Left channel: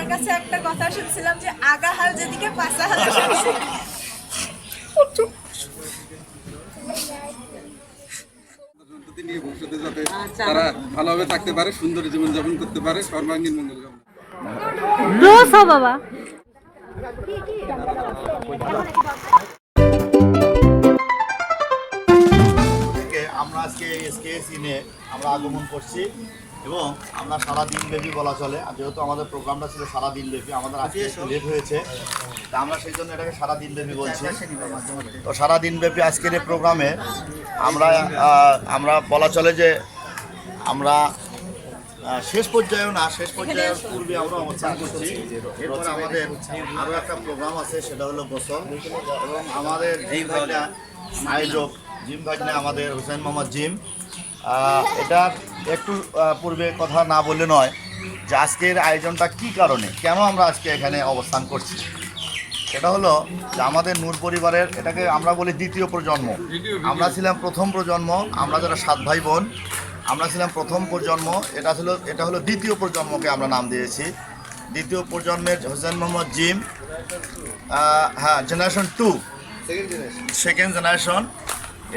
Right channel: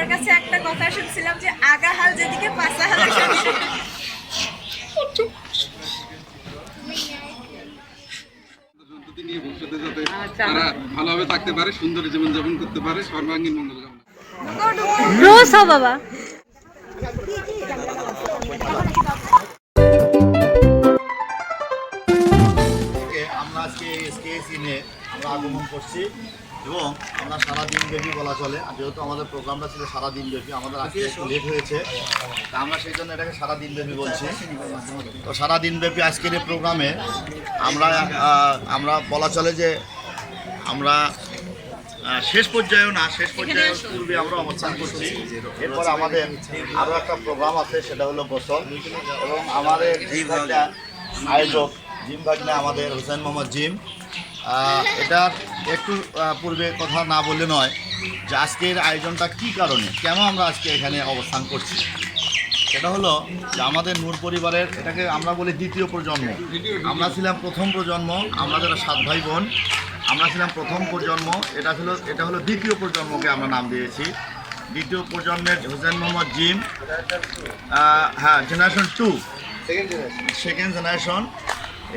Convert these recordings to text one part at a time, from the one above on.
তোমার কাছে একটা কথা শুনছিলাম যে আগা হাল যেদিকে পাছা হাল শুনছি। নিয়ে ভবিষ্যতে যাতে তারা ভালোভাবে থাকতে পারে, সুন্দর জীবনযাপন করতে পারে, সর্বাঙ্গীন মঙ্গল কামনা। বাবা আমরা আজকে স্কেচ নিয়ে আমরা আগমন করছি এবং আমরা সারাদিন ব্যাপী বলা চলে, আর যেহেতু আমাদের প্রোগ্রামটা ছিল সারাদিন ব্যাপী, আমাদের আজকে একটু লেট হয়েছে, তা আমরা সেই জন্য এটাকে সারাদিন ব্যাপী বলছি। তো সারাদিন ব্যাপী আজকের এই প্রোগ্রামে আমরা বলা চলে যে আমরা শেষ পর্যায়েও না, শেষ পর্যায়ের পূর্বে আমরা অবস্থান করছি। এরপরে আমাদের আরও একটা প্রোগ্রাম আছে, সেটা হলো গোসল, এবং আমাদের এই আয়োজক জিম ভাগ্নে আমাদের হোসেন মোহাম্মদ জিম, এটার একটু পূর্বে কথা না বললে নয় যে আজকের আয়োজনটা কী কারণে, কেন আমরা আজকে এখানে অবস্থান করছি। এটা হলো যে আমাদের নূর পরিবারের, এটাকে আমরা বলি দ্বিতীয় প্রজন্ম। আমরা ছিলাম প্রথম প্রজন্ম, আমরা যারা 7 ভাই বোন, আমরা ছিলাম প্রথম প্রজন্ম। এটা হলো দ্বিতীয় প্রজন্মকে আমরা নাম দিয়েছি। দ্বিতীয় প্রজন্মের হোসেন মোহাম্মদ জিম, হ্যাঁ, জেনারেশন 2, সেকেন্ড জেনারেশন।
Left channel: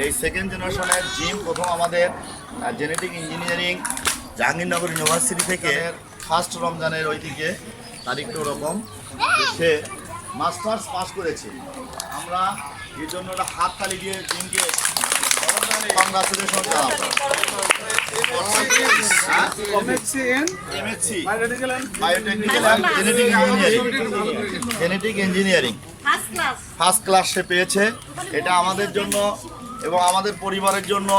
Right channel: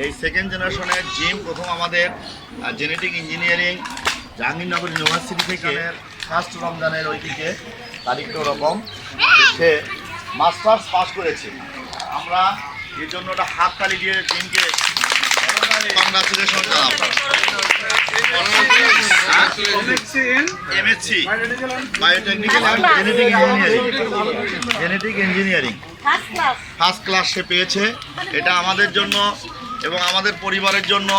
এই সেকেন্ড জেনারেশনের জিম প্রথম আমাদের জেনেটিক ইঞ্জিনিয়ারিং জাহাঙ্গীরনগর ইউনিভার্সিটি থেকে ফার্স্ট রমজানের ওই দিকে তারিখটা ওরকম, সে মাস্টার্স পাস করেছে। আমরা এই জন্য ওটা হাততালি দিয়ে জিমকে কংগ্রাচুলেশন জানাবো। MSc biotechnical and genetic engineering first class সে পেয়েছে। এটা আমাদের জন্য এবং আমাদের পরিবারের জন্য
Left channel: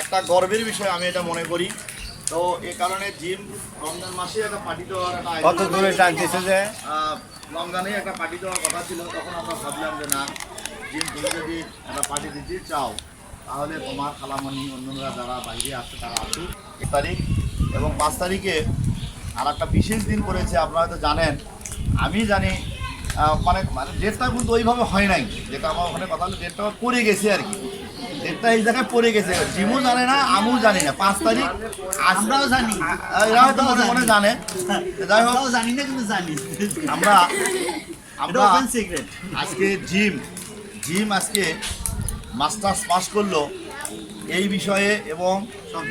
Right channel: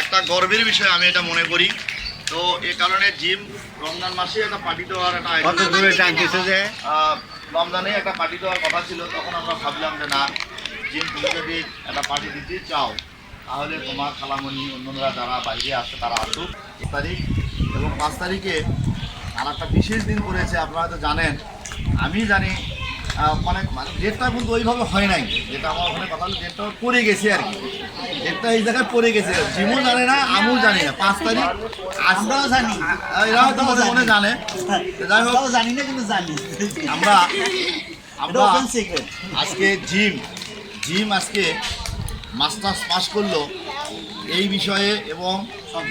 একটা গর্বের বিষয় আমি এটা মনে করি। তো এ কারণে জিম রমজান মাসে একটা পার্টি দেওয়ার একটা রমজানে একটা পার্টি দেওয়ার কথা ছিল, তখন আমরা ভাবলাম যে না, জিম তুমি যদি একটা পার্টি দিতে চাও তাহলে তোমার খালামণি অন্যরা যারা বাইরে আসছে তারা আসুক। 1 তারিখ এবং 5 তারিখে আর একটা বিশেষ দিন করেছে, আপনারা হয়তো জানেন, আমি জানি, মানে ডেটটা কিন্তু ওইভাবে হয় নাই, যেটা আমার ওখানে কথা হলো ডেটটা পড়ে গেছে আর কি, ডেটটা এই জায়গায় পড়ে গেছে। জিমও জানে না, আমিও জানি না। 5 তারিখ আমরাও জানি, এরা হয়তো মনে মনে জানে, যাই হোক জানি না কিন্তু জানি আমরা আজকে জিম আজকে মাস্টার্স পাস করলো এই বিষয়ে। এবং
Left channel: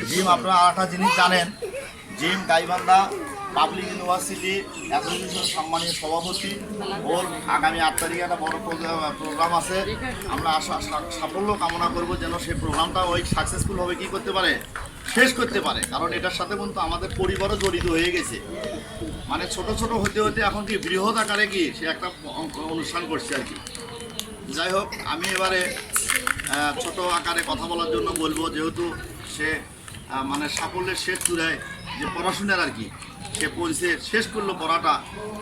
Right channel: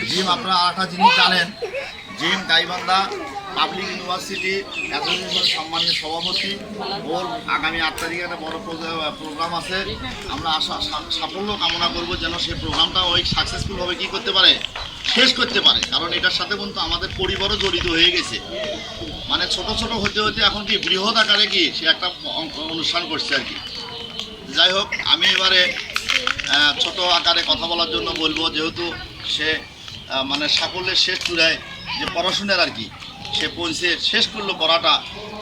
জিম আপনারা আরেকটা জিনিস জানেন, gym Gaibandha public university association সম্মানিত সভাপতি। ওর আগামী 8 তারিখে একটা বড় প্রোগ্রাম আছে, আমরা সাফল্য কামনা করব যেন সেই প্রোগ্রামটা ওই সাকসেসফুলভাবে কী করতে পারে, শেষ করতে পারে। কারণ এটার সাথে কিন্তু আমাদের পরিবারও জড়িত হয়ে গেছে, মানে ছোট ছোট হতে হতে এখন কি বৃহৎ আকারে কি সে একটা অনুষ্ঠান করছে আর কি। যাই হোক, আমি এবারে ছোট আকারে কথা বলার জন্য বলবো, যেহেতু সে মানে সাফল্যের শেষ চূড়ায় যে পড়াশোনার আর কি সে পৌঁছে শেষ করলো পড়াটা,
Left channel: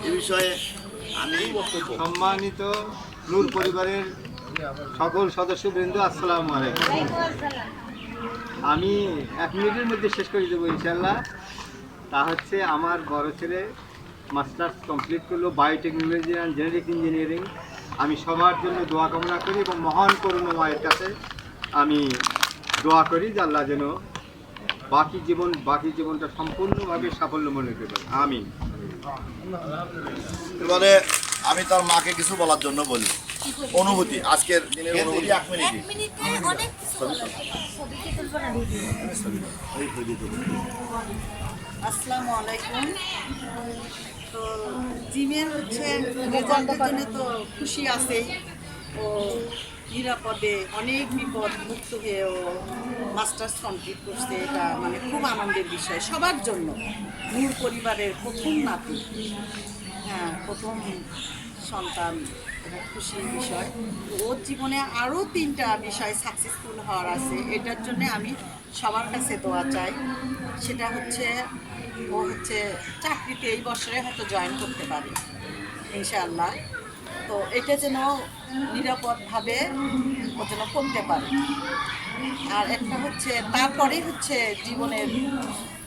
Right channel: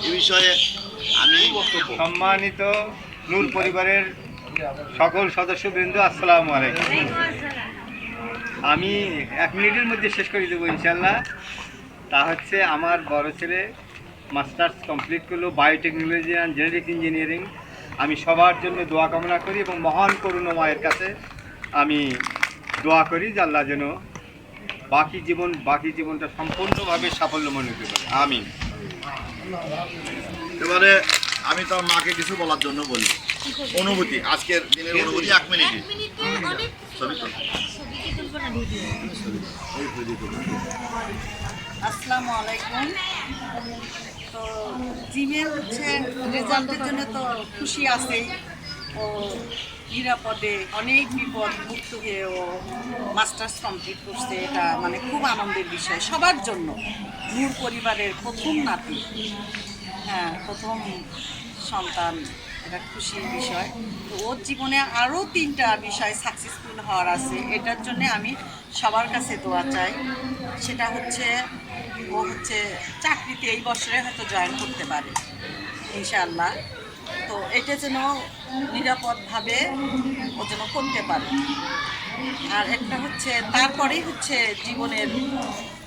এ বিষয়ে আমি সম্মানিত নূর পরিবারের সকল সদস্যবৃন্দ, আসসালামু আলাইকুম। আমি 1 মিনিটের মধ্যে শেষ করে দেবো ইনশাল্লাহ। তা হচ্ছে আমার বড় ছেলে মাস্টার্স কমপ্লিট করলো বায়োটেকনোলজি অ্যান্ড জেনেটিক ইঞ্জিনিয়ারিং। আমি সবার জন্য দোয়া কামনা করি এবং মহান করুণাময়ের কাছে আমি দোয়া করি যে আল্লাহ যেন বাকি জীবনটা সম্পূর্ণভাবে সাফল্য মনে করতে পারে। আমিন। এবারে আমি তার মাকে কিছু বলার জন্য বলি, অনুভূতি, আজকের দিনের অনুভূতি 1 মিনিটে। আসসালামু আলাইকুম। তো জিমের হচ্ছে রেজাল্টের জন্য তো খুশি আছেই, ও নিরাপদে অনেক বিপদ মুক্ত হয়ে ও মাস্টার্স কমপ্লিট করছে। এটা মানে খুব আনন্দের বিষয় সবার জন্য। নূর পরিবারের প্রথম নাতি, হ্যাঁ, প্রথম সন্তান, এটা খুশির বিষয়। তো ওর জীবনে আরও 3টা বিষয় সাকসেসফুল হওয়ার আছে, এটার জন্য আমি সবার কাছে দোয়া চাই। সেটা হচ্ছে ও হচ্ছে চাকরিতে এই বছরে হয়তো জয়েন করতে পারে ইনশাআল্লাহ। তো এটা যেন নিরাপদভাবে ও যেন করতে পারে। আর একটা হচ্ছে তারপরেই হচ্ছে জীবনের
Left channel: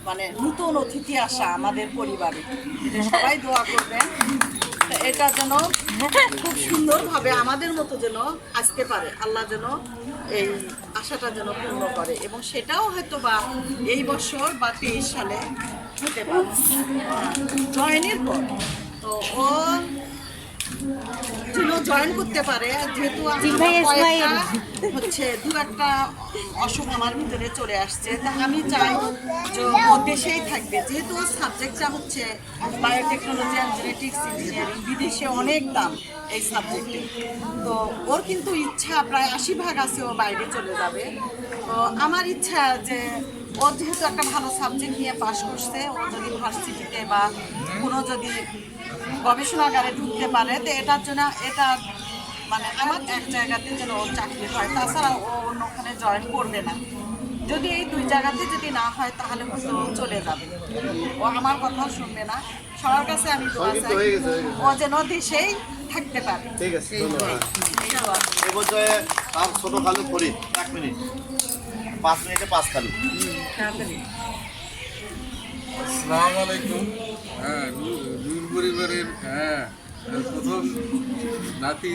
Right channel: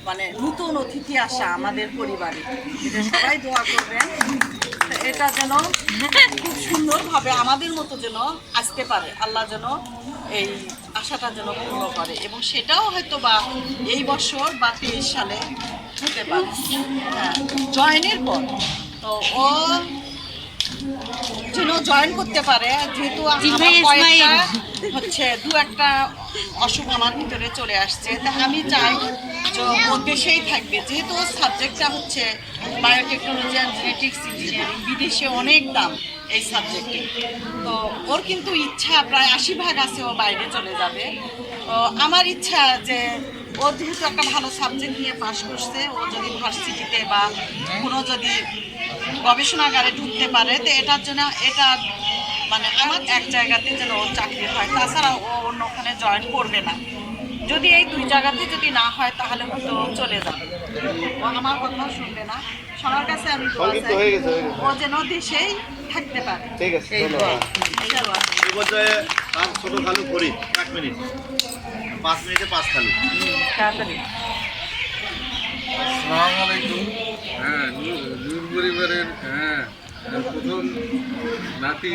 মানে নতুন অতিথি আসা আমাদের পরিবারে, এটা সবাই দোয়া করবেন। এটা যেন খুব সুন্দরভাবে আমাদের মতো যেন আসতে পারে, আল্লাহ যেন এই আশাটা যেন পূর্ণ করে, এবং সেটাও হয়তো বা এই বছর বা 23 সালে হতে পারে, হ্যাঁ, জয়েনের পর। তো ও যেন জয়েন করতে পারে, যেহেতু আমার কয়েকটা হচ্ছে একটা অসুখ আমার ভিতরে চলে আসছে, তা আমি চাই যে ও দেশেই থাকবে, যেহেতু ওর সাবজেক্টটা হচ্ছে বায়োটেকনোলজি অ্যান্ড জেনেটিক্স ইঞ্জিনিয়ারিং, বিদেশে অনেক দাম এই সাবজেক্টে। তো ওর কিন্তু ইচ্ছা প্রায় 80% আছে ও বাইরে চলে যাবে। তো আমার ইচ্ছা যে ও যেহেতু একটা ভালো সাবজেক্ট নিয়ে পাশ করছে, ও যদি ভার্সিটিতে বা কোনো যদি গবেষণাগারে ঢুকতে পারে, তো এটার জন্য এটা মানে আমার এক জায়গাতে যেন ওর চাকরি হয়, তাছাড়া ও অন্য ওখানে জয়েন করবে না। যদি এই 2 জায়গাতে যদি না হয় তাহলে হয়তো চলে যাবে, ও আমার কথাও শুনবে না। সবার কাছে আমি দোয়া চাই ও যেন দেশেই থাকতে পারে। ঠিক আছে, এই দোয়া। এই পর্যায়ে তার ছোট খালু করি 1 মিনিট, 5 মিনিটে 5 খালু। তাড়াতাড়ি। আসসালামু আলাইকুম। হ্যাঁ, নূর পরিবারের প্রথম নাতি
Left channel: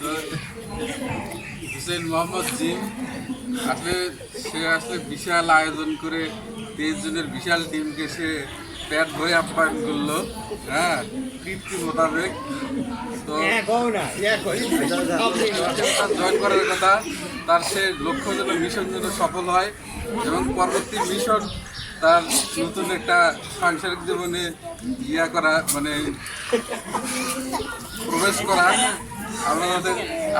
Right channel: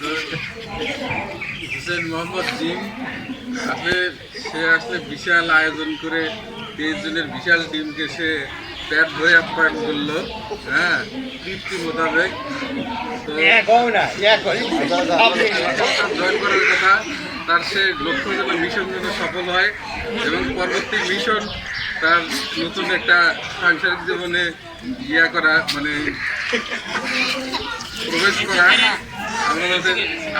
তো হুসেন মোহাম্মদ জিম আসলে বিশাল আয়োজন করে 23 জনের বিশাল টিমকে সে প্যাট ভরে আপ্যায়ন করলো, তৃপ্তি মোতাবেক। তো জয়েন করার কথা, তার সে লক্ষ্য যেন মিশন যেন সফল হয় এবং পরবর্তী মিশন তার নতুন একটা সাংসারিক জীবনে করা, মানে প্রবেশ করা।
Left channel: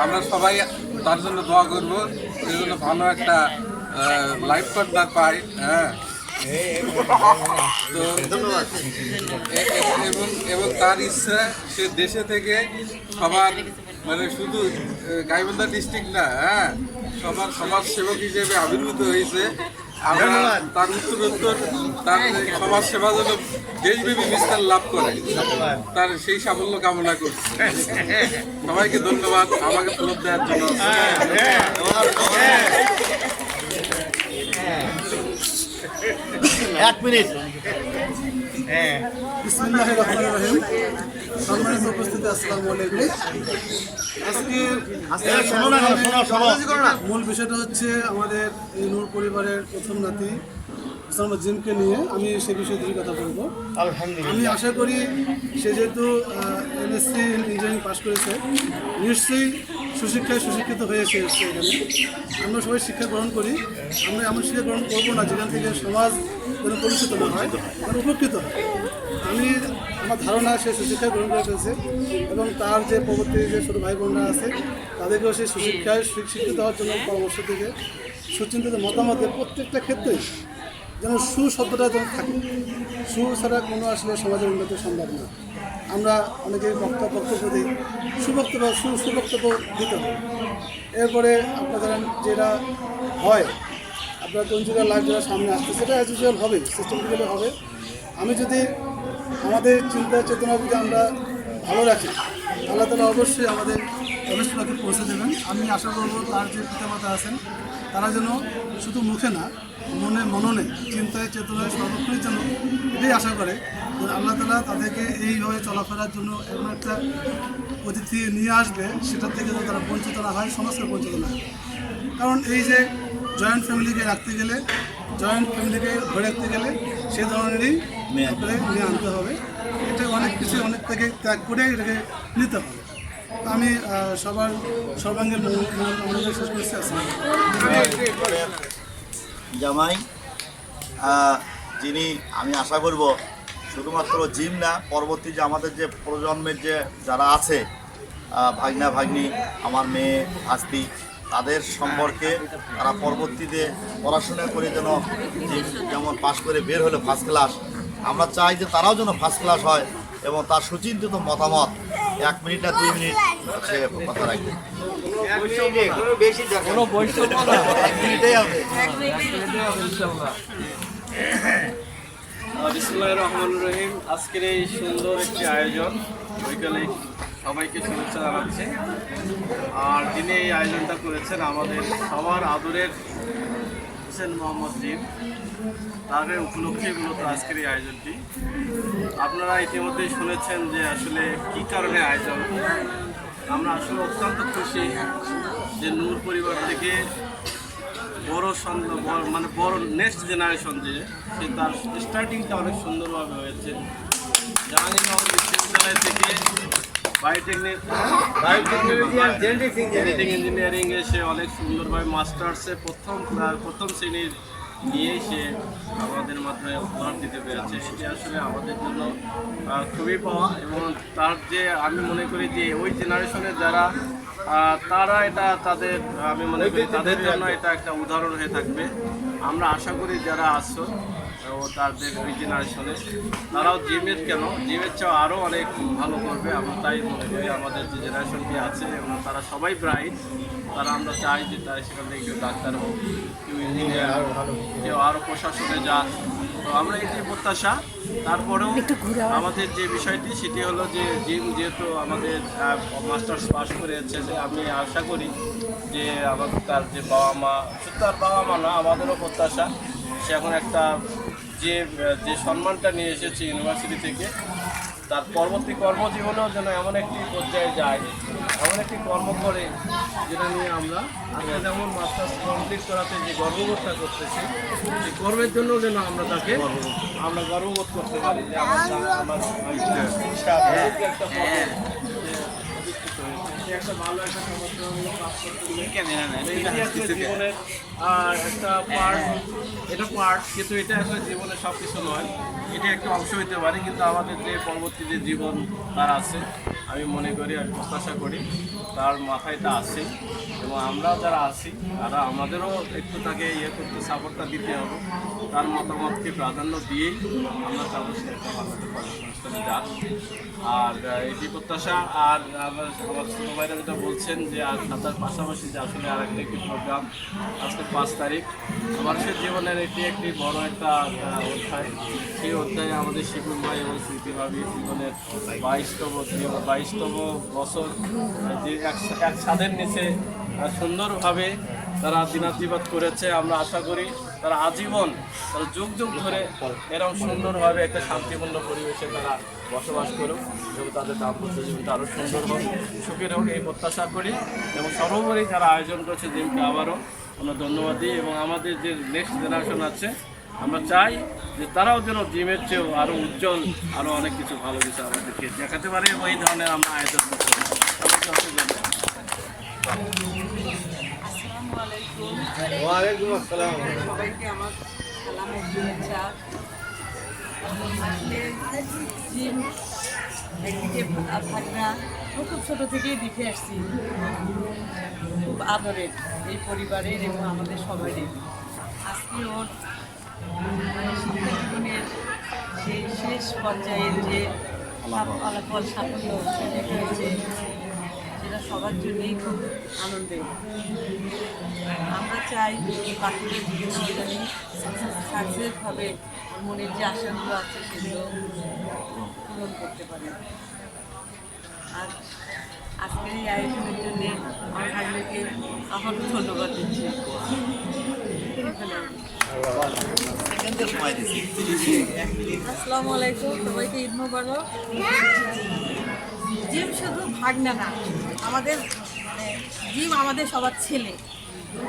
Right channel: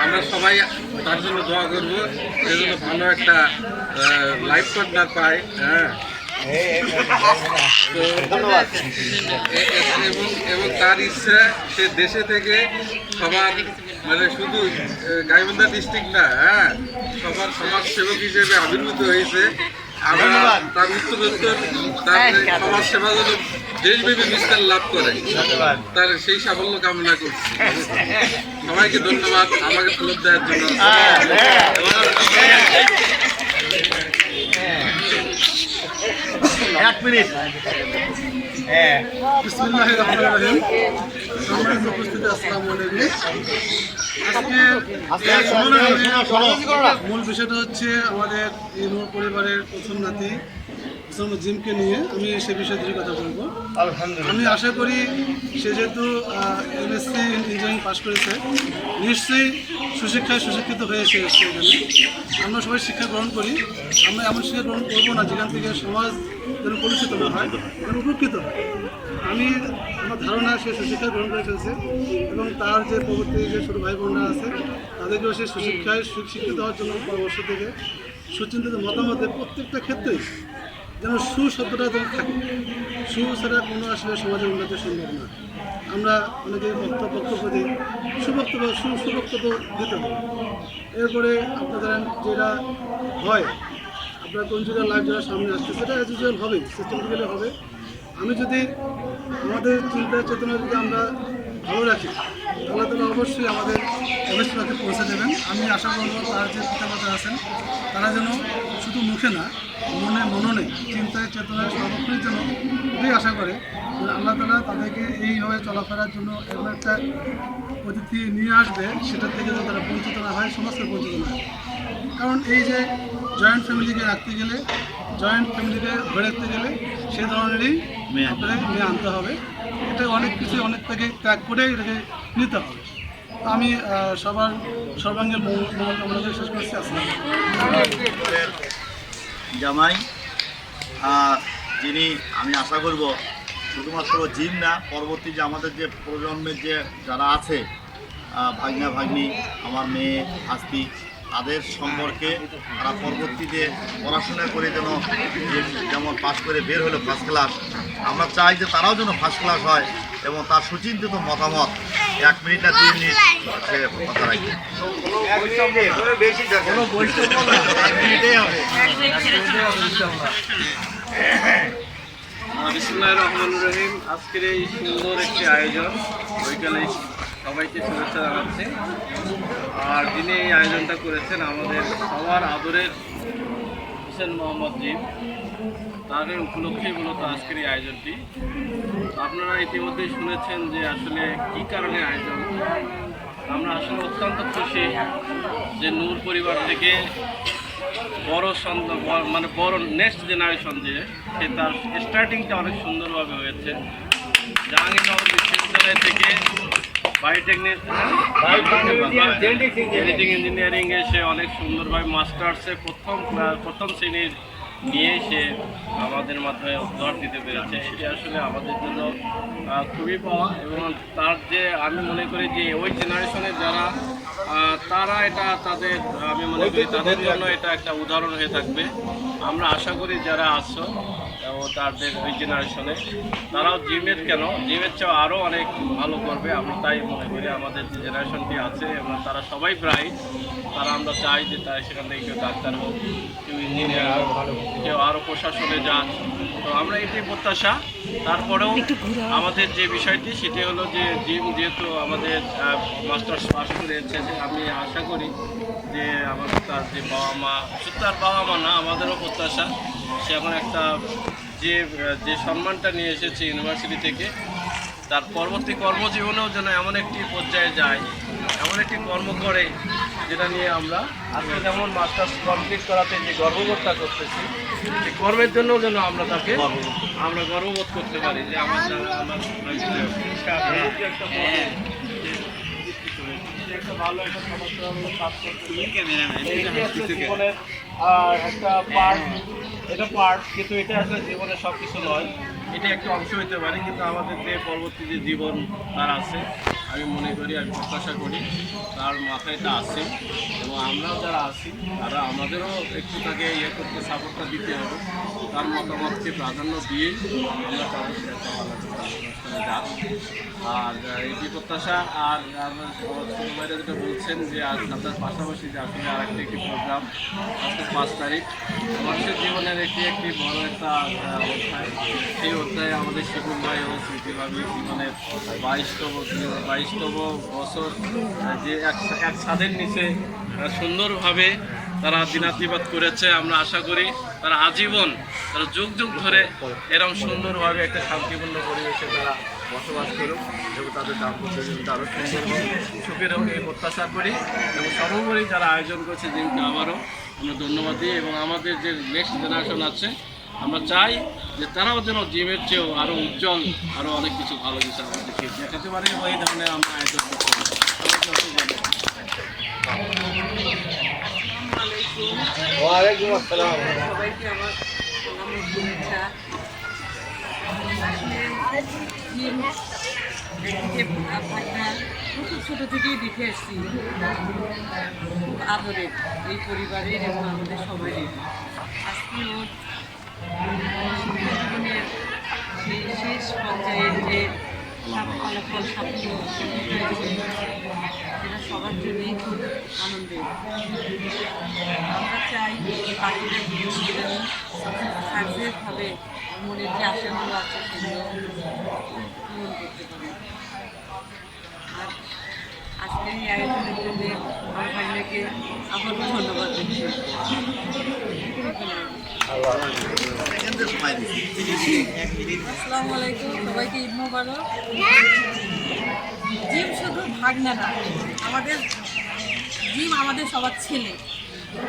আমরা সবাই তার জন্য দোয়া করব, সেই জন্য ভালো একটা লাইফ পার্টনার পায়। তো এবং তার ইচ্ছা সে দেশে থেকে সবার মানে শুধু গাইবান্ধা ডিস্ট্রিক্ট না, সবার সমাজ সেবক হিসেবে আবির্ভূত হয়েছে। আমরা তার উত্তরোত্তর তার সমাজ সেবা যেন দেশব্যাপী বিস্তার লাভ করে, তার সেই সাফল্য কামনা করছি। সবাইকে ধন্যবাদ আমাকে ফলক দেওয়ার জন্য। এক মিনিট। বিসমিল্লাহির রহমানির রহিম। সম্মানিত উপস্থিতি, আসসালামু আলাইকুম। আজকে মূল বিষয়টা হচ্ছে আমাদের এই নূর পরিবারের প্রথম নাতি মোহাম্মদ জিমকে নিয়ে আমি সে বিষয়ে দুই কথা বলবো। আমি আশা করি সে যেহেতু এমএসসি ইঞ্জিনিয়ারিং পাশ করেছে, নিশ্চয়ই সুশিক্ষায় সুশিক্ষিত হয়েছে এখানে। আমরা সবাই শিক্ষা গ্রহণ করি, আমরা এমন শিক্ষা গ্রহণ করবো না যেখান থেকে সমাজ যেন কলুষিত না হয়, যেন উপকৃত হয়। আমার ধারণা সে সুশিক্ষা গ্রহণ করে ফেলছে এবং তার যে পরবর্তী যে ছোটো ভাই বোনরা আছে তাদেরকেও সে সুশিক্ষায় শিক্ষিত হওয়ার জন্য পরামর্শ থেকে সুচিন্তিত মতামতের প্রত্যেকটা ক্ষেত্রেই যেন শব্দটা যেন থাকে। ছাড়া কোনো আসলে সমাজের উন্নতি সম্ভব না। আমরা অনেকেই বক্তব্য দিই, সুবক্তব্য দিতে হবে। এরপরে আপনাদের যেটা হয়, আপনার কনজুগার লাইফ যেটা সামনে আসছে সেটা অ্যাজ ইউজুয়াল হবে, সিস্টেমেটিক্যালি হবে। আমি যদি আমাদের চিন্তা চেতনা যদি আমরা ভালো রাখি, আল্লাহ তাআলা অবশ্যই আমাদের অবশ্যই পৌঁছে দেবেন। আমি আশা করব তার যে পিতামাতা আছেন তারা যেন শুধু মুখে না, মননে চিন্তায় চেতনায় সর্বক্ষণের জন্য এটাই আশা করে যে আল্লাহ তাআলা তাদেরকে এইভাবে চলাফেরার জন্য এমন একটা অতিথি নিয়ে আসবে, সেটার থেকে যেন তারা বঞ্চিত না হয়, সমাজকে বঞ্চিত না হয়। কারণ এই যে জয়েন্ট ফ্যামিলিকে রাখতে গেলে, জয়েন্ট ফ্যামিলিকে ধরে রাখতে গেলে সে ধরনেরই আপনাদের নিয়ে আনতে হবে। এটা অনেক কিছু অনেক থেকে ত্যাগ করে এটাকে নিতে হবে। আমি সবার সর্বাঙ্গীন মঙ্গল কামনা করে শেষ করছি। জামাই যিনি, আমি আশা করব শুধুমাত্র জিম না, পরবর্তী যে আমাদের যে প্রজন্মের যে যারা আছে ভাগনা ভাগ্নি, আমার মেয়ে আস্তি, তাদের সম্পর্কে তারা পরবর্তীতে পড়াশোনা করে যেন যেমন পাশ করে বের হলো ফার্স্ট ক্লাস, আমরা চাই যে তারাও যেন ফার্স্ট ক্লাস হয় এবং তার সুচিন্তিত মতামত 1 মিনিট না 2 মিনিট সে কথা রাখি। বিসমিল্লাহির রহমানির রহিম। আজকের এই সুন্দর একটি আয়োজন, বিকেলে সবাইকে শুভেচ্ছা জানাচ্ছি। আর যিনি এই আয়োজনটা করেছেন আমাদের সবার আদরের হুসেন মোহাম্মদ জিম, তার উপলক্ষেই মূলত আজকের এই আয়োজনটি। আপনারা ইতিমধ্যেই শুনেছেন যে আসলে কী কারণে আয়োজন। আমরা আসলে অত্যন্ত খুশি যে নূর পরিবার থেকে বড় নেক্সট জেনারেশন যে সে তার স্টার্টিংটা অনেক সুন্দরভাবে হয়েছে। জাহাঙ্গীর বিশ্ববিদ্যালয় থেকে জেনেটিক ইঞ্জিনিয়ারিংয়ে সে অনেক সুন্দরভাবে মাস্টার্সে প্রথম শ্রেণীর নিয়ে সে আমাদের মাধ্যমে উপহার দিতে পেরেছে। এটি আসলে আমাদের জন্য খুবই পাওয়া, এবং তার যে আমি মনে করি যে ওই জেনারেশনের যারা তারা এটা তাদের আমি মনে করি তাদের জন্য এটা একটা উদাহরণ হয়ে থাকবে। আমরা আশা করি যারা আসছো ও তাদের ওই জেনারেশনে তারাও জিমের চেয়েও আরও অনেক ভালো করবে। আমরা তাই মনে করি আমাদের যে জেনারেশনটি আছে এবং তারা সবাই ব্রাইট, তারা আমরা চাই যে তারা সেখান থেকে কেউ ডাক্তার হোক, কেউ ইঞ্জিনিয়ার হোক, কেউ আরও প্রশাসনে যাক। তো আমরা এটি প্রত্যাশা। তারপরেও আমাদের যে বিষয়টি সেটি হলো যে জিম যেহেতু আমাদের মাস্টার্স পাস করেছে, আমি আশা করি যে আমাদের তার যে বাবা মা, শুধু তার বাবা মা না, আমাদেরও প্রত্যাশা সে এখন একটা যে সম্মানটা নিয়ে এসেছে ইউনিভার্সিটি থেকে, তার পরবর্তী কর্মজীবনেও যেন এমন একটি পর্যায়ে যায়, এমন একটি কর্ম করে যেটা নিয়ে আমরা আজকে যেমন মাস্টার্স কমপ্লিট করাতে যে গর্ববোধটা করতেছি, সেই কর্মের জন্য যেন আমরা তাকে গর্ববোধ করতে পারি যে একটা ভালো একটা সমাজসেবামূলক কাজ করতে জীবনের আর একটা পার্ট কিন্তু এটা আসলে জীবনের সব কিছু নয়, এটা একটা অংশ হতে পারে। কিন্তু আমাদের যে পরবর্তী যে জীবন তার আছে, আমি মনে করি, আমি প্রত্যাশা করি তার মাথায় তা আছে, এবং আমরাও যারা আছি তারা আমাদেরও একটু তাকে করতে সাপোর্টটা দিতে হবে। তার মতামতকে প্রাধান্য দিয়েই আমরা চাবো সে একটা ভালো একটা কর্মসংস্থানে যাক। আর এটি প্রত্যাশা। আর আমার ছোটো ভাইরা যেটা বলছেন যে আর তার পাশাপাশি যে আসলে আর একটি প্রোগ্রাম আজকে 5 তারিখ মানুষের জীবনের একটি বড় একটা অধ্যায়। সেই অধ্যায়ে আমাদের শিবুল ভাই এবং স্মৃতিভাবী জীবনের 22তম বছর যে এক ছাদের নিচে সুন্দরভাবে তারা দিনাতিপাত করেছে। আমরা আশা করি তারা আজীবন, তারা যুগ যুগ ধরে এরকম সুন্দরভাবে একটা শান্তিপূর্ণ পরিবেশে তারা বসবাস করুক এবং তাদের দাম্পত্য জীবনটা আরও সুন্দর হোক, সুখের হোক, এই প্রত্যাশা করি। এবং সর্বোপরি যারা আয়োজন করছে জিমকে আবারও আমরা ধন্যবাদ দিই। এবং আমাদের যে নেক্সট জেনারেশন আছে, আমরা চাই যে তারাও যেন জিমের চেয়েও আরও উজ্জ্বল, আরও অনেক কিছু ভালো কিছু আমাদেরকে দেখাতে পারে, এবং এই ধরনের আমরা আয়োজন করতে পারি। সবাইকে অসংখ্য ধন্যবাদ। ওয়ালাইকুম আসসালাম। সবাইকে আমার সালাম ও শুভেচ্ছা। একদিকে ভাগনা খুব ছোটো থেকেই দেখে আসছি, খুব আদরের এই পরিবারের এবং আমাদের সবারই। আজকে ওর মানে শিক্ষা জীবনের সেই শেষ পর্যায়ের যে ফলাফল সাফল্য হয়েছে, সেটা সবার জন্যই খুব আনন্দের। আমরা চাই বাকিদের জীবনে সাকসেস হবে, মনের যে আশাগুলো আছে সেগুলো পূরণ করতে পারে। আর আজকের এই আয়োজনের জন্য আমার ভাগ্যকে আবারও ধন্যবাদ দিচ্ছি। আসসালামু আলাইকুম, সবাইকে ঈদ মোবারক। জিম শুধু ভাগনা না, আমাদের জিম আমাদের সবার ছেলে।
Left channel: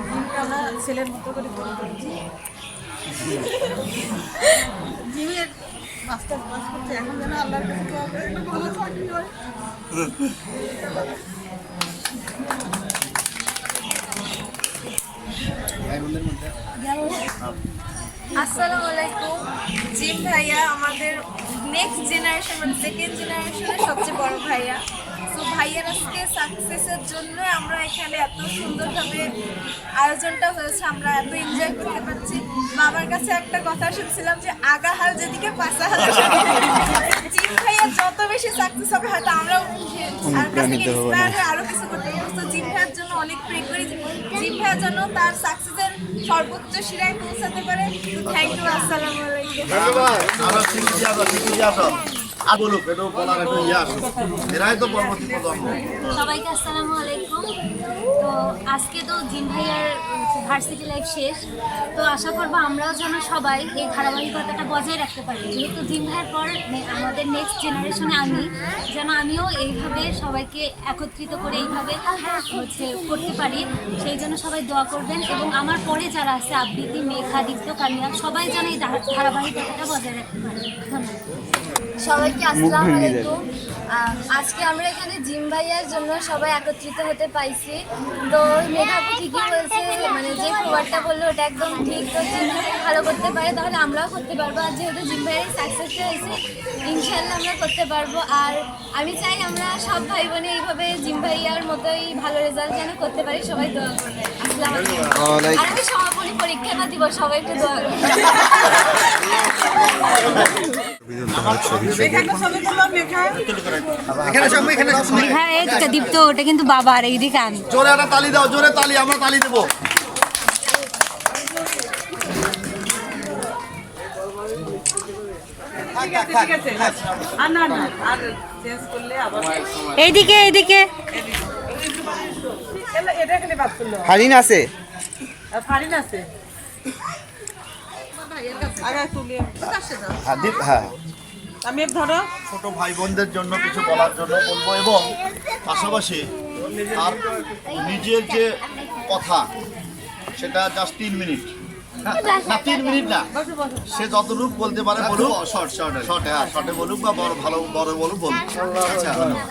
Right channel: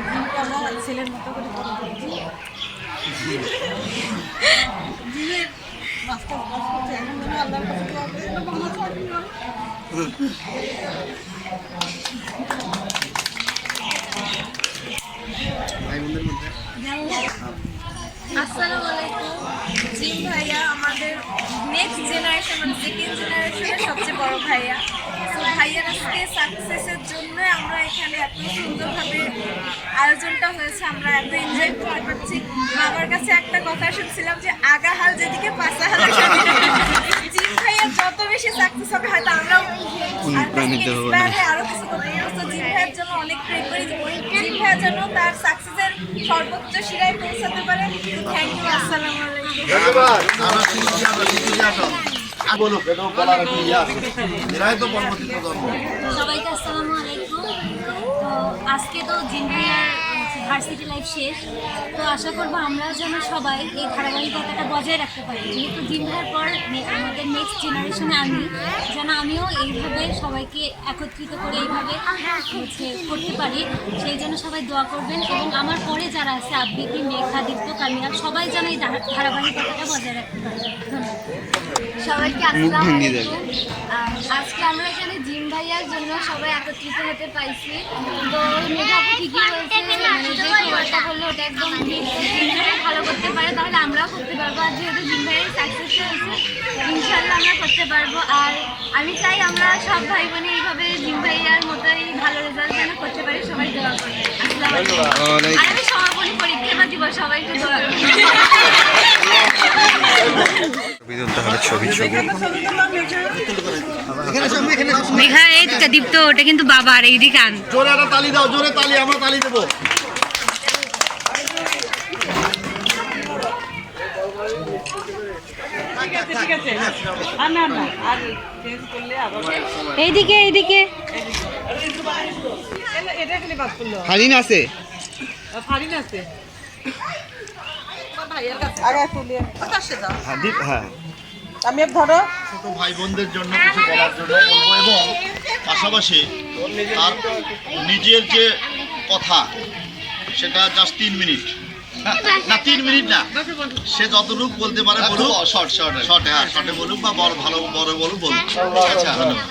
জিমকে আমরা ছেলের মতো করে বড় করছি। জিমের মাস্টার ক্লাস করছে, এখন যেন আল্লাহর কাছে দোয়া করে যেন ভালো চাকরি হয়। আসসালামু আলাইকুম। জিম ভাইয়া আমাদের নেক্সট জেনারেশন, মানে সেকেন্ড জেনারেশনের সবচেয়ে বড় ভাইয়া। তো ভাইয়ার আজকে সাকসেসের জন্য আমরা এখানে এত সুন্দরভাবে আয়োজনটা হয়েছে, আমরা এত এনজয় করতে পারছি। বাবার কাছে একটা কথা শুনছিলাম যে আগা হাল যেদিকে পাশা হাল। জিম ভাইয়া যত বেশি সাকসেস হবে, হয়তো আমরাও ইন্সপায়ার হয়ে আরও কিছু করতে পারবো। তো জিম ভাইয়ের জন্য অনেক প্রে করি, জিম ভাইয়ার জন্য তার সাকসেসের সর্বোচ্চ শিরায় পৌঁছাতে পারে। Thank you. আসসালামু আলাইকুম। সবাইকে আসসালামু আলাইকুম। তো আজকে তো জিম ভাইয়ার ভার্সিটি লাইফ শেষ, তো আশা করবো আমরাও যেন সবাই এই ধারাবাহিকতাটা বজায় রাখতে পারি। যেহেতু জিম ভাইয়ের পর আমাদের নেক্সট জেনারেশনে আমিও এইভাবে সবাইকে একত্রিত করে এইভাবে করতে পারি, সেই জন্য সবাই দোয়া করবেন। এবং আমার পরে যারা আছে, আবৃত্তি, মেঘা, দীপ্ত, কামিয়াল, সবাই যেন এই ধারাবাহিকতাটা বজায় রাখতে পারে। ধন্যবাদ। সবাইকে আসসালামু আলাইকুম। আজকে আমরা এখানে জিম ভাইয়ার জন্য সবাই একত্রিত হতে পাইছি। তো মেধাপু ঠিকই বলছে, মানে যে খবরটা বললো ওটা একদম ঠিক। তো জিম ভাই ভালো করতে পারে তাহলে আমরাও করতে পারবো। আর যেহেতু জিম ভাইয়ের সাকসেস হয়েছে, ইনশাল্লাহ আমরা করতে পারবো। আর আমি চাই আমরা সব ভাই বোনে এইভাবে জিম ভাইয়ার মতোই ভালো রেজাল্ট যেন করতে পারি। সবাই দোয়া করবে। আসসালামু আলাইকুম। আর আমি সমাপনী পরীক্ষা না দিব, সবাই একটু দোয়া করবে। মেঘা এই দীপ্ত, ওটা কিন্তু বাবার এইদিকে আন। জোরে একটা তালি দাও, জোরে তালি, আমরা তালি দেবো। এইদিকে এইদিকে হারিন আছে হ্যাঁ আমি ধরো ছোট ভাই বোনদের জন্য কিছু বলার জন্য বলবো, এবং পাশাপাশি তার নিজের যে কথা সেটা জাস্ট 3 মিনিট, না 3 মিনিট না, সে যতটুকু বলতে পারে বলুক। শর্টে বলুক বা বড় বলুক। আচ্ছা, ধন্যবাদ।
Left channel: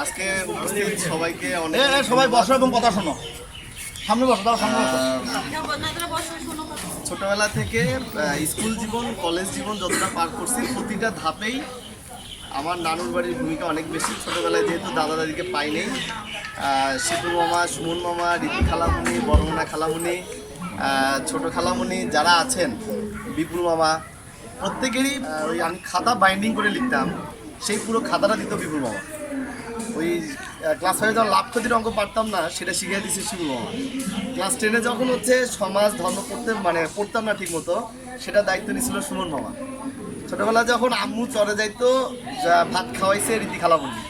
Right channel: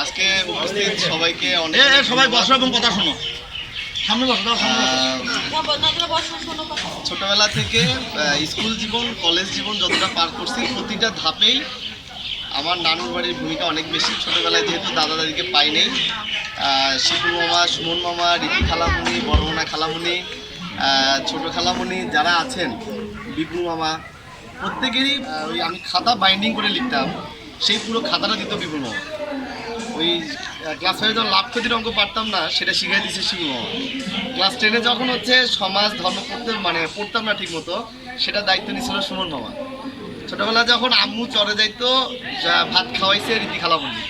আজকে উপস্থিত সবাইকে অনেক সবাই বসো এবং কথা শোনো। সামনে বসো, দাও সামনে বসো। ছোটবেলা থেকে স্কুল জীবন, কলেজ জীবন যতটা পার করছি, প্রতিটা ধাপেই আমার নানুর বাড়ির ভূমিকা অনেক বেশি। ছোটবেলায় যেহেতু দাদা দাদিকে পাই নেই, শিপুর মামা, সুমন মামা, রীতি খালামুনি, বড়মোনা খালামুনি, ছোট খালামুনি যারা আছেন, বিপুল মামা, প্রত্যেকেরই ওই আমি খাতা বাইন্ডিং করে লিখতাম, সেই পুরো খাতাটা দিত বিপুল মামা। ওই ক্লাস 5 যখন লাভ ক্ষতির অঙ্ক পারতাম না, সেটা শিখাই দিচ্ছে শিবু মামা। ক্লাস 10-এ যখন হচ্ছে সমাজ ধর্ম পড়তাম না ঠিক মতো, সেটা দায়িত্ব নিয়েছিল সুমন মামা। ছোটবেলা যখন আম্মু চরে যাইতো, ভাত খাওয়াইছে রীতি খালামুনি।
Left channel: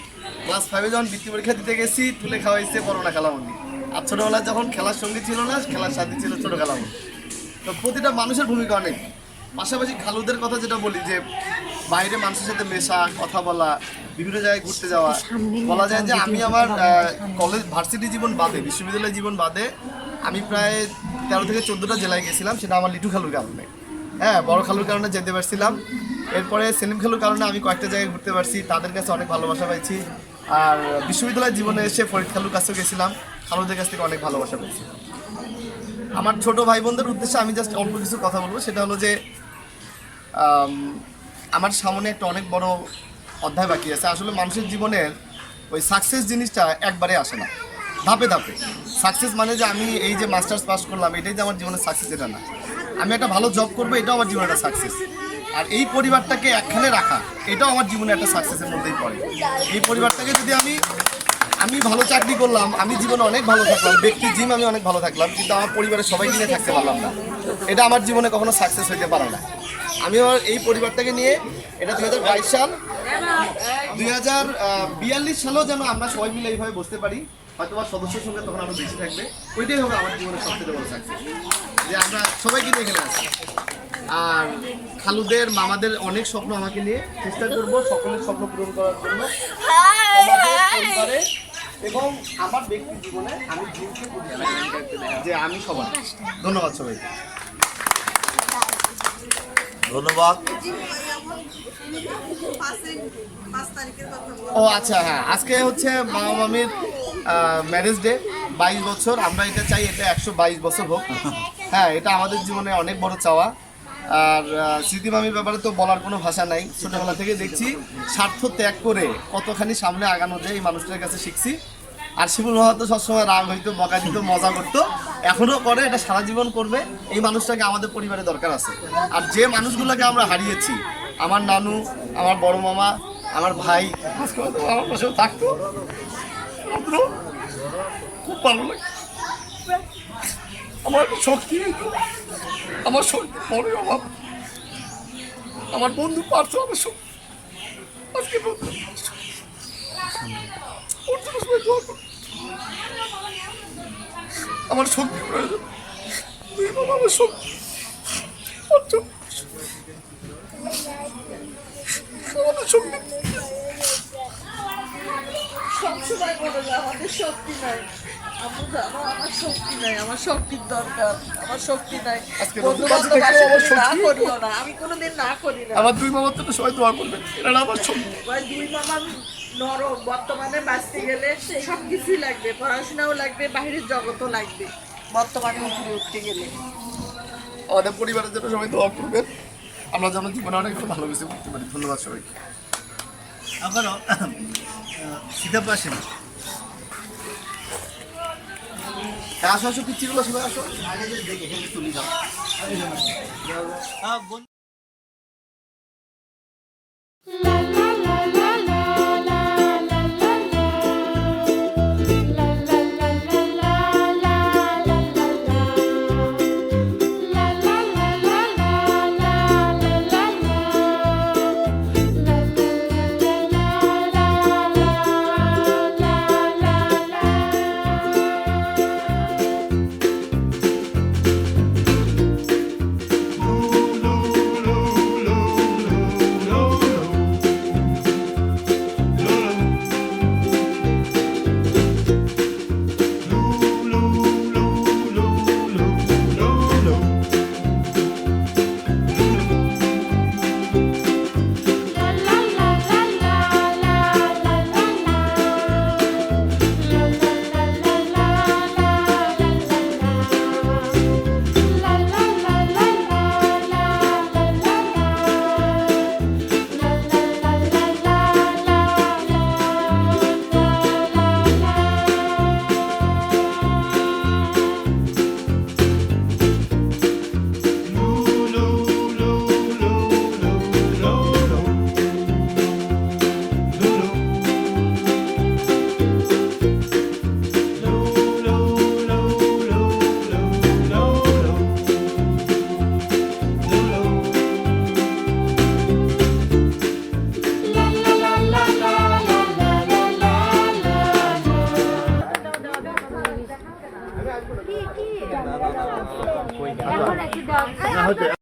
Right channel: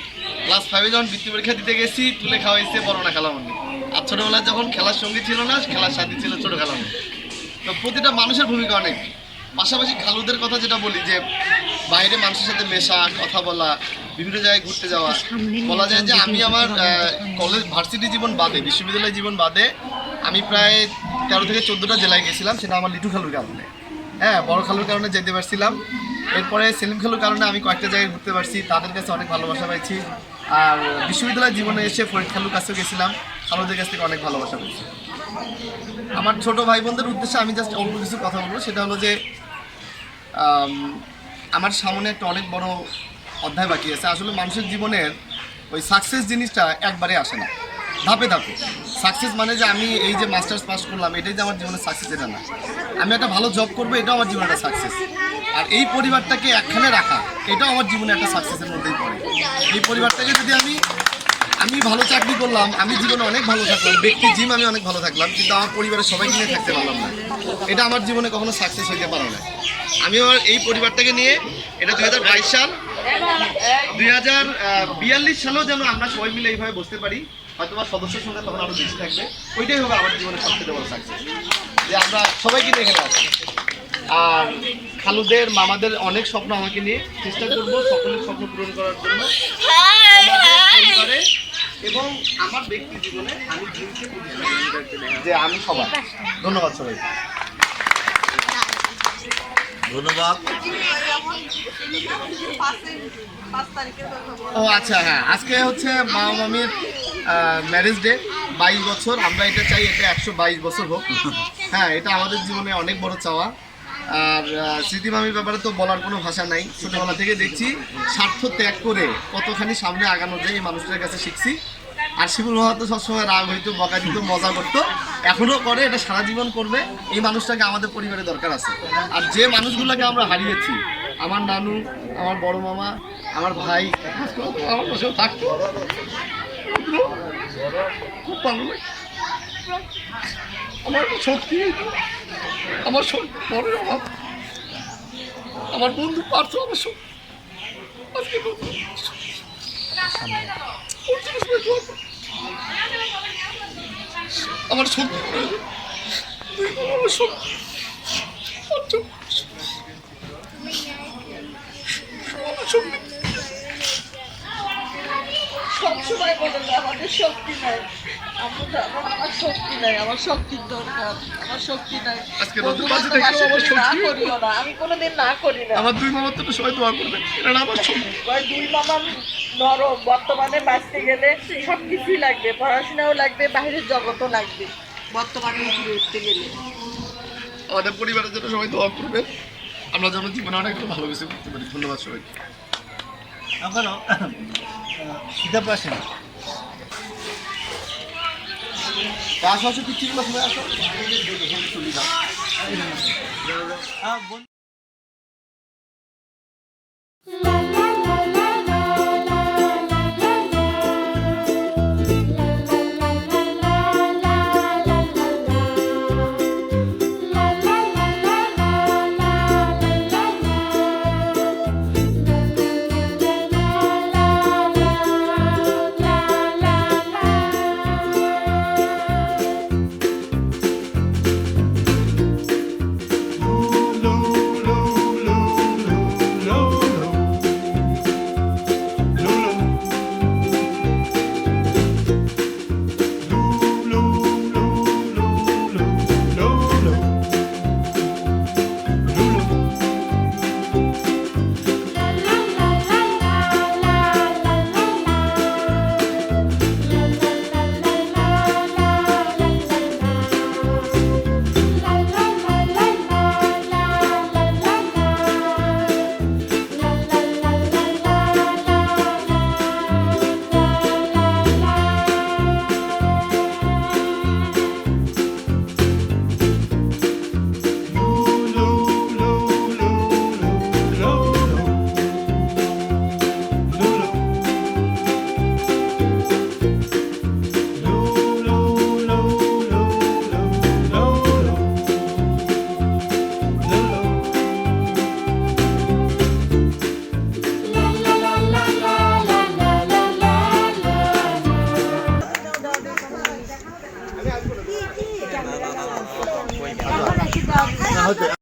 ক্লাস 5-এ যখন বৃত্তি পরীক্ষা দিতে গেছি, তুলে খাওয়াইছে বড়মোনা খালামুনি। আর ছোটবেলায় যখন খেলার সঙ্গী ছিল না, খেলার সাথী ছিল ছোট খালামুনি। তো প্রতিটা মানুষের ভূমিকা অনেক। পাশাপাশি খালুদের কথা যেটা বলি, যে বাইরে মানুষের সাথে মেশা, কথা বলা, বিভিন্ন জায়গায় ঘুরতে যাওয়া, বলা যায় যে আমি আমার কলেজ ভার্সিটি জীবন বাদে, বিশ্ববিদ্যালয় জীবন বাদে আমি প্রায় 13 থেকে 14টা জেলায় গেছিলাম। সেটা আমার লিটু খালুর কারণে, বড় খালুর কারণে যেতে পারছিলাম। এরপরে সেলিম খালুর কারণে আমি কয়েকটা জায়গায় ঘুরতে পারছি, তাদের কাছে অনেক ভালোবাসা পাইছি। আর বিশ্ববিদ্যালয় জীবনে এসে ফরিদ খালুর কাছেও গেছিলাম, খালুদের কাছ থেকে অনেক ভালোবাসা পেয়েছি। আমার ছোট ভাই বোনদের উদ্দেশ্যে আমি জাস্ট অল্প কিছু কথা বলবো। সেটা হলো যে আমার সামনে একটা অনেক বড় অধ্যায় বাকি আছে। আসলে মানুষের জীবনের ওই সাকসেস জিনিসটা একবারে আসে না, ধাপে ধাপে। সাকসেস মানে যে আমি এই যে মাস্টার্স পাস করলাম, এটাই যে আমার জীবনের সাকসেস, এটা না। আমি একটা ভালো জব করবো, এটাও আমার জীবনের একটা সাকসেস। আর এই পরিবারটাকে একখানে রাখা, এটাও আমার জীবনে একটা সাকসেসের মধ্যেই পড়ে। এই পরিবারটাকে যদি আমি ভালো চাকরি করলাম, আমি জীবনে অনেক ভালো থাকলাম, ব্যক্তি জিম আমি অনেক ভালো থাকলাম, কিন্তু আমার পরিবারের সবাইকে নিয়ে থাকতে পারলাম না, এটা আমার জীবনে কখনো সাকসেস হতে পারে না। আমি আমার এই পরিবারটাকে নিয়ে, এটা 2022 সাল, 2042 সালেও যেন আমরা সবাই মিলে এইভাবে বসতে পারি, হয়তো বা সদস্যের সংখ্যা তখন আরও বেশি থাকবে, ওইটাই হবে আমার জীবনের সবচেয়ে বড় সাকসেস, যে আমরা সবাইকে নিয়ে এখানে আছি। আর খালুদের, মামাদের অনেক স্বপ্ন আমাকে নিয়ে, চেষ্টা করবো সকলের স্বপ্ন পূরণ করার জন্য এবং আমার ব্যক্তি জীবনে আমি জিমকে যে আমি সবাই। ধন্যবাদ সবাইকে। ধন্যবাদ। ও আচ্ছা, হ্যাঁ, আজকে হচ্ছে মামা মামির ম্যারেজ ডে, 22 বছর। আমরা এটা চাই এটা 122 বছর হোক। হ্যাঁ, এটা আমাদের জীবনে অনেক বড় চাওয়া। আর স্মৃতি মামির ব্যাপারে তো বলার কোনো ভাষা নাই। ছোটোবেলা থেকে দেখছি স্বার্থ ত্যাগ করে কতখানি সামনে আগানো যায়, এই মানুষদের কাছে শিখছি। আর শিবুল মামা তো সবসময় রাগ হইতো, বকা দিত, মজা করতো, এখনও করে, এটা সারা জীবন করবে। এই মানুষটাকে আমাদের পরিবারে দরকার আছে। আর যে মানুষগুলোকে আমরা হারিয়েছি, আমার নানু, আমার বড় মামা, আমার ভাই, আমার পাশেও থাকতো, খুব ভালো লাগে। আমার শক্তি হইতো, আমার শক্তি বড় অভাব। আমার বন্ধু পার্থ আমার শক্তি, আজকে আমার শক্তি প্রয়োজন, আমার শক্তি, সবসময় বলে আমাদের শক্তি নয়। আম্মু জানো আমার শক্তি নাই, আমার শক্তির দরকার, আমার শক্তি নাই। আজকে বন্ধু রোববার বান্ধব থেকে আসলে আমার তুমি না শক্তি- করিও না, আমি কোনোদিন না করি না। আমার দুই মামার তো সবাই দোয়া করবেন, এরা আমার শক্তি। ভাই দুই মামা নরম, বর্তমানে বাঁচতে গেলে সব কিছুই লাগবে, পড়াশোনাও লাগবে, বাইরের জগতও লাগবে বর্তমানে উপরে উঠতে গেলে। আমাদের পরিবারের জন্য সবাই দোয়া করবেন, আমরা যেন জীবনে অনেক ভালো কিছু করতে পারি। ধন্যবাদ সবাইকে। আপনারা সিধা পাশেন আসো আসো পিচ্ছিগুলো সবাই আসো চলে যাও।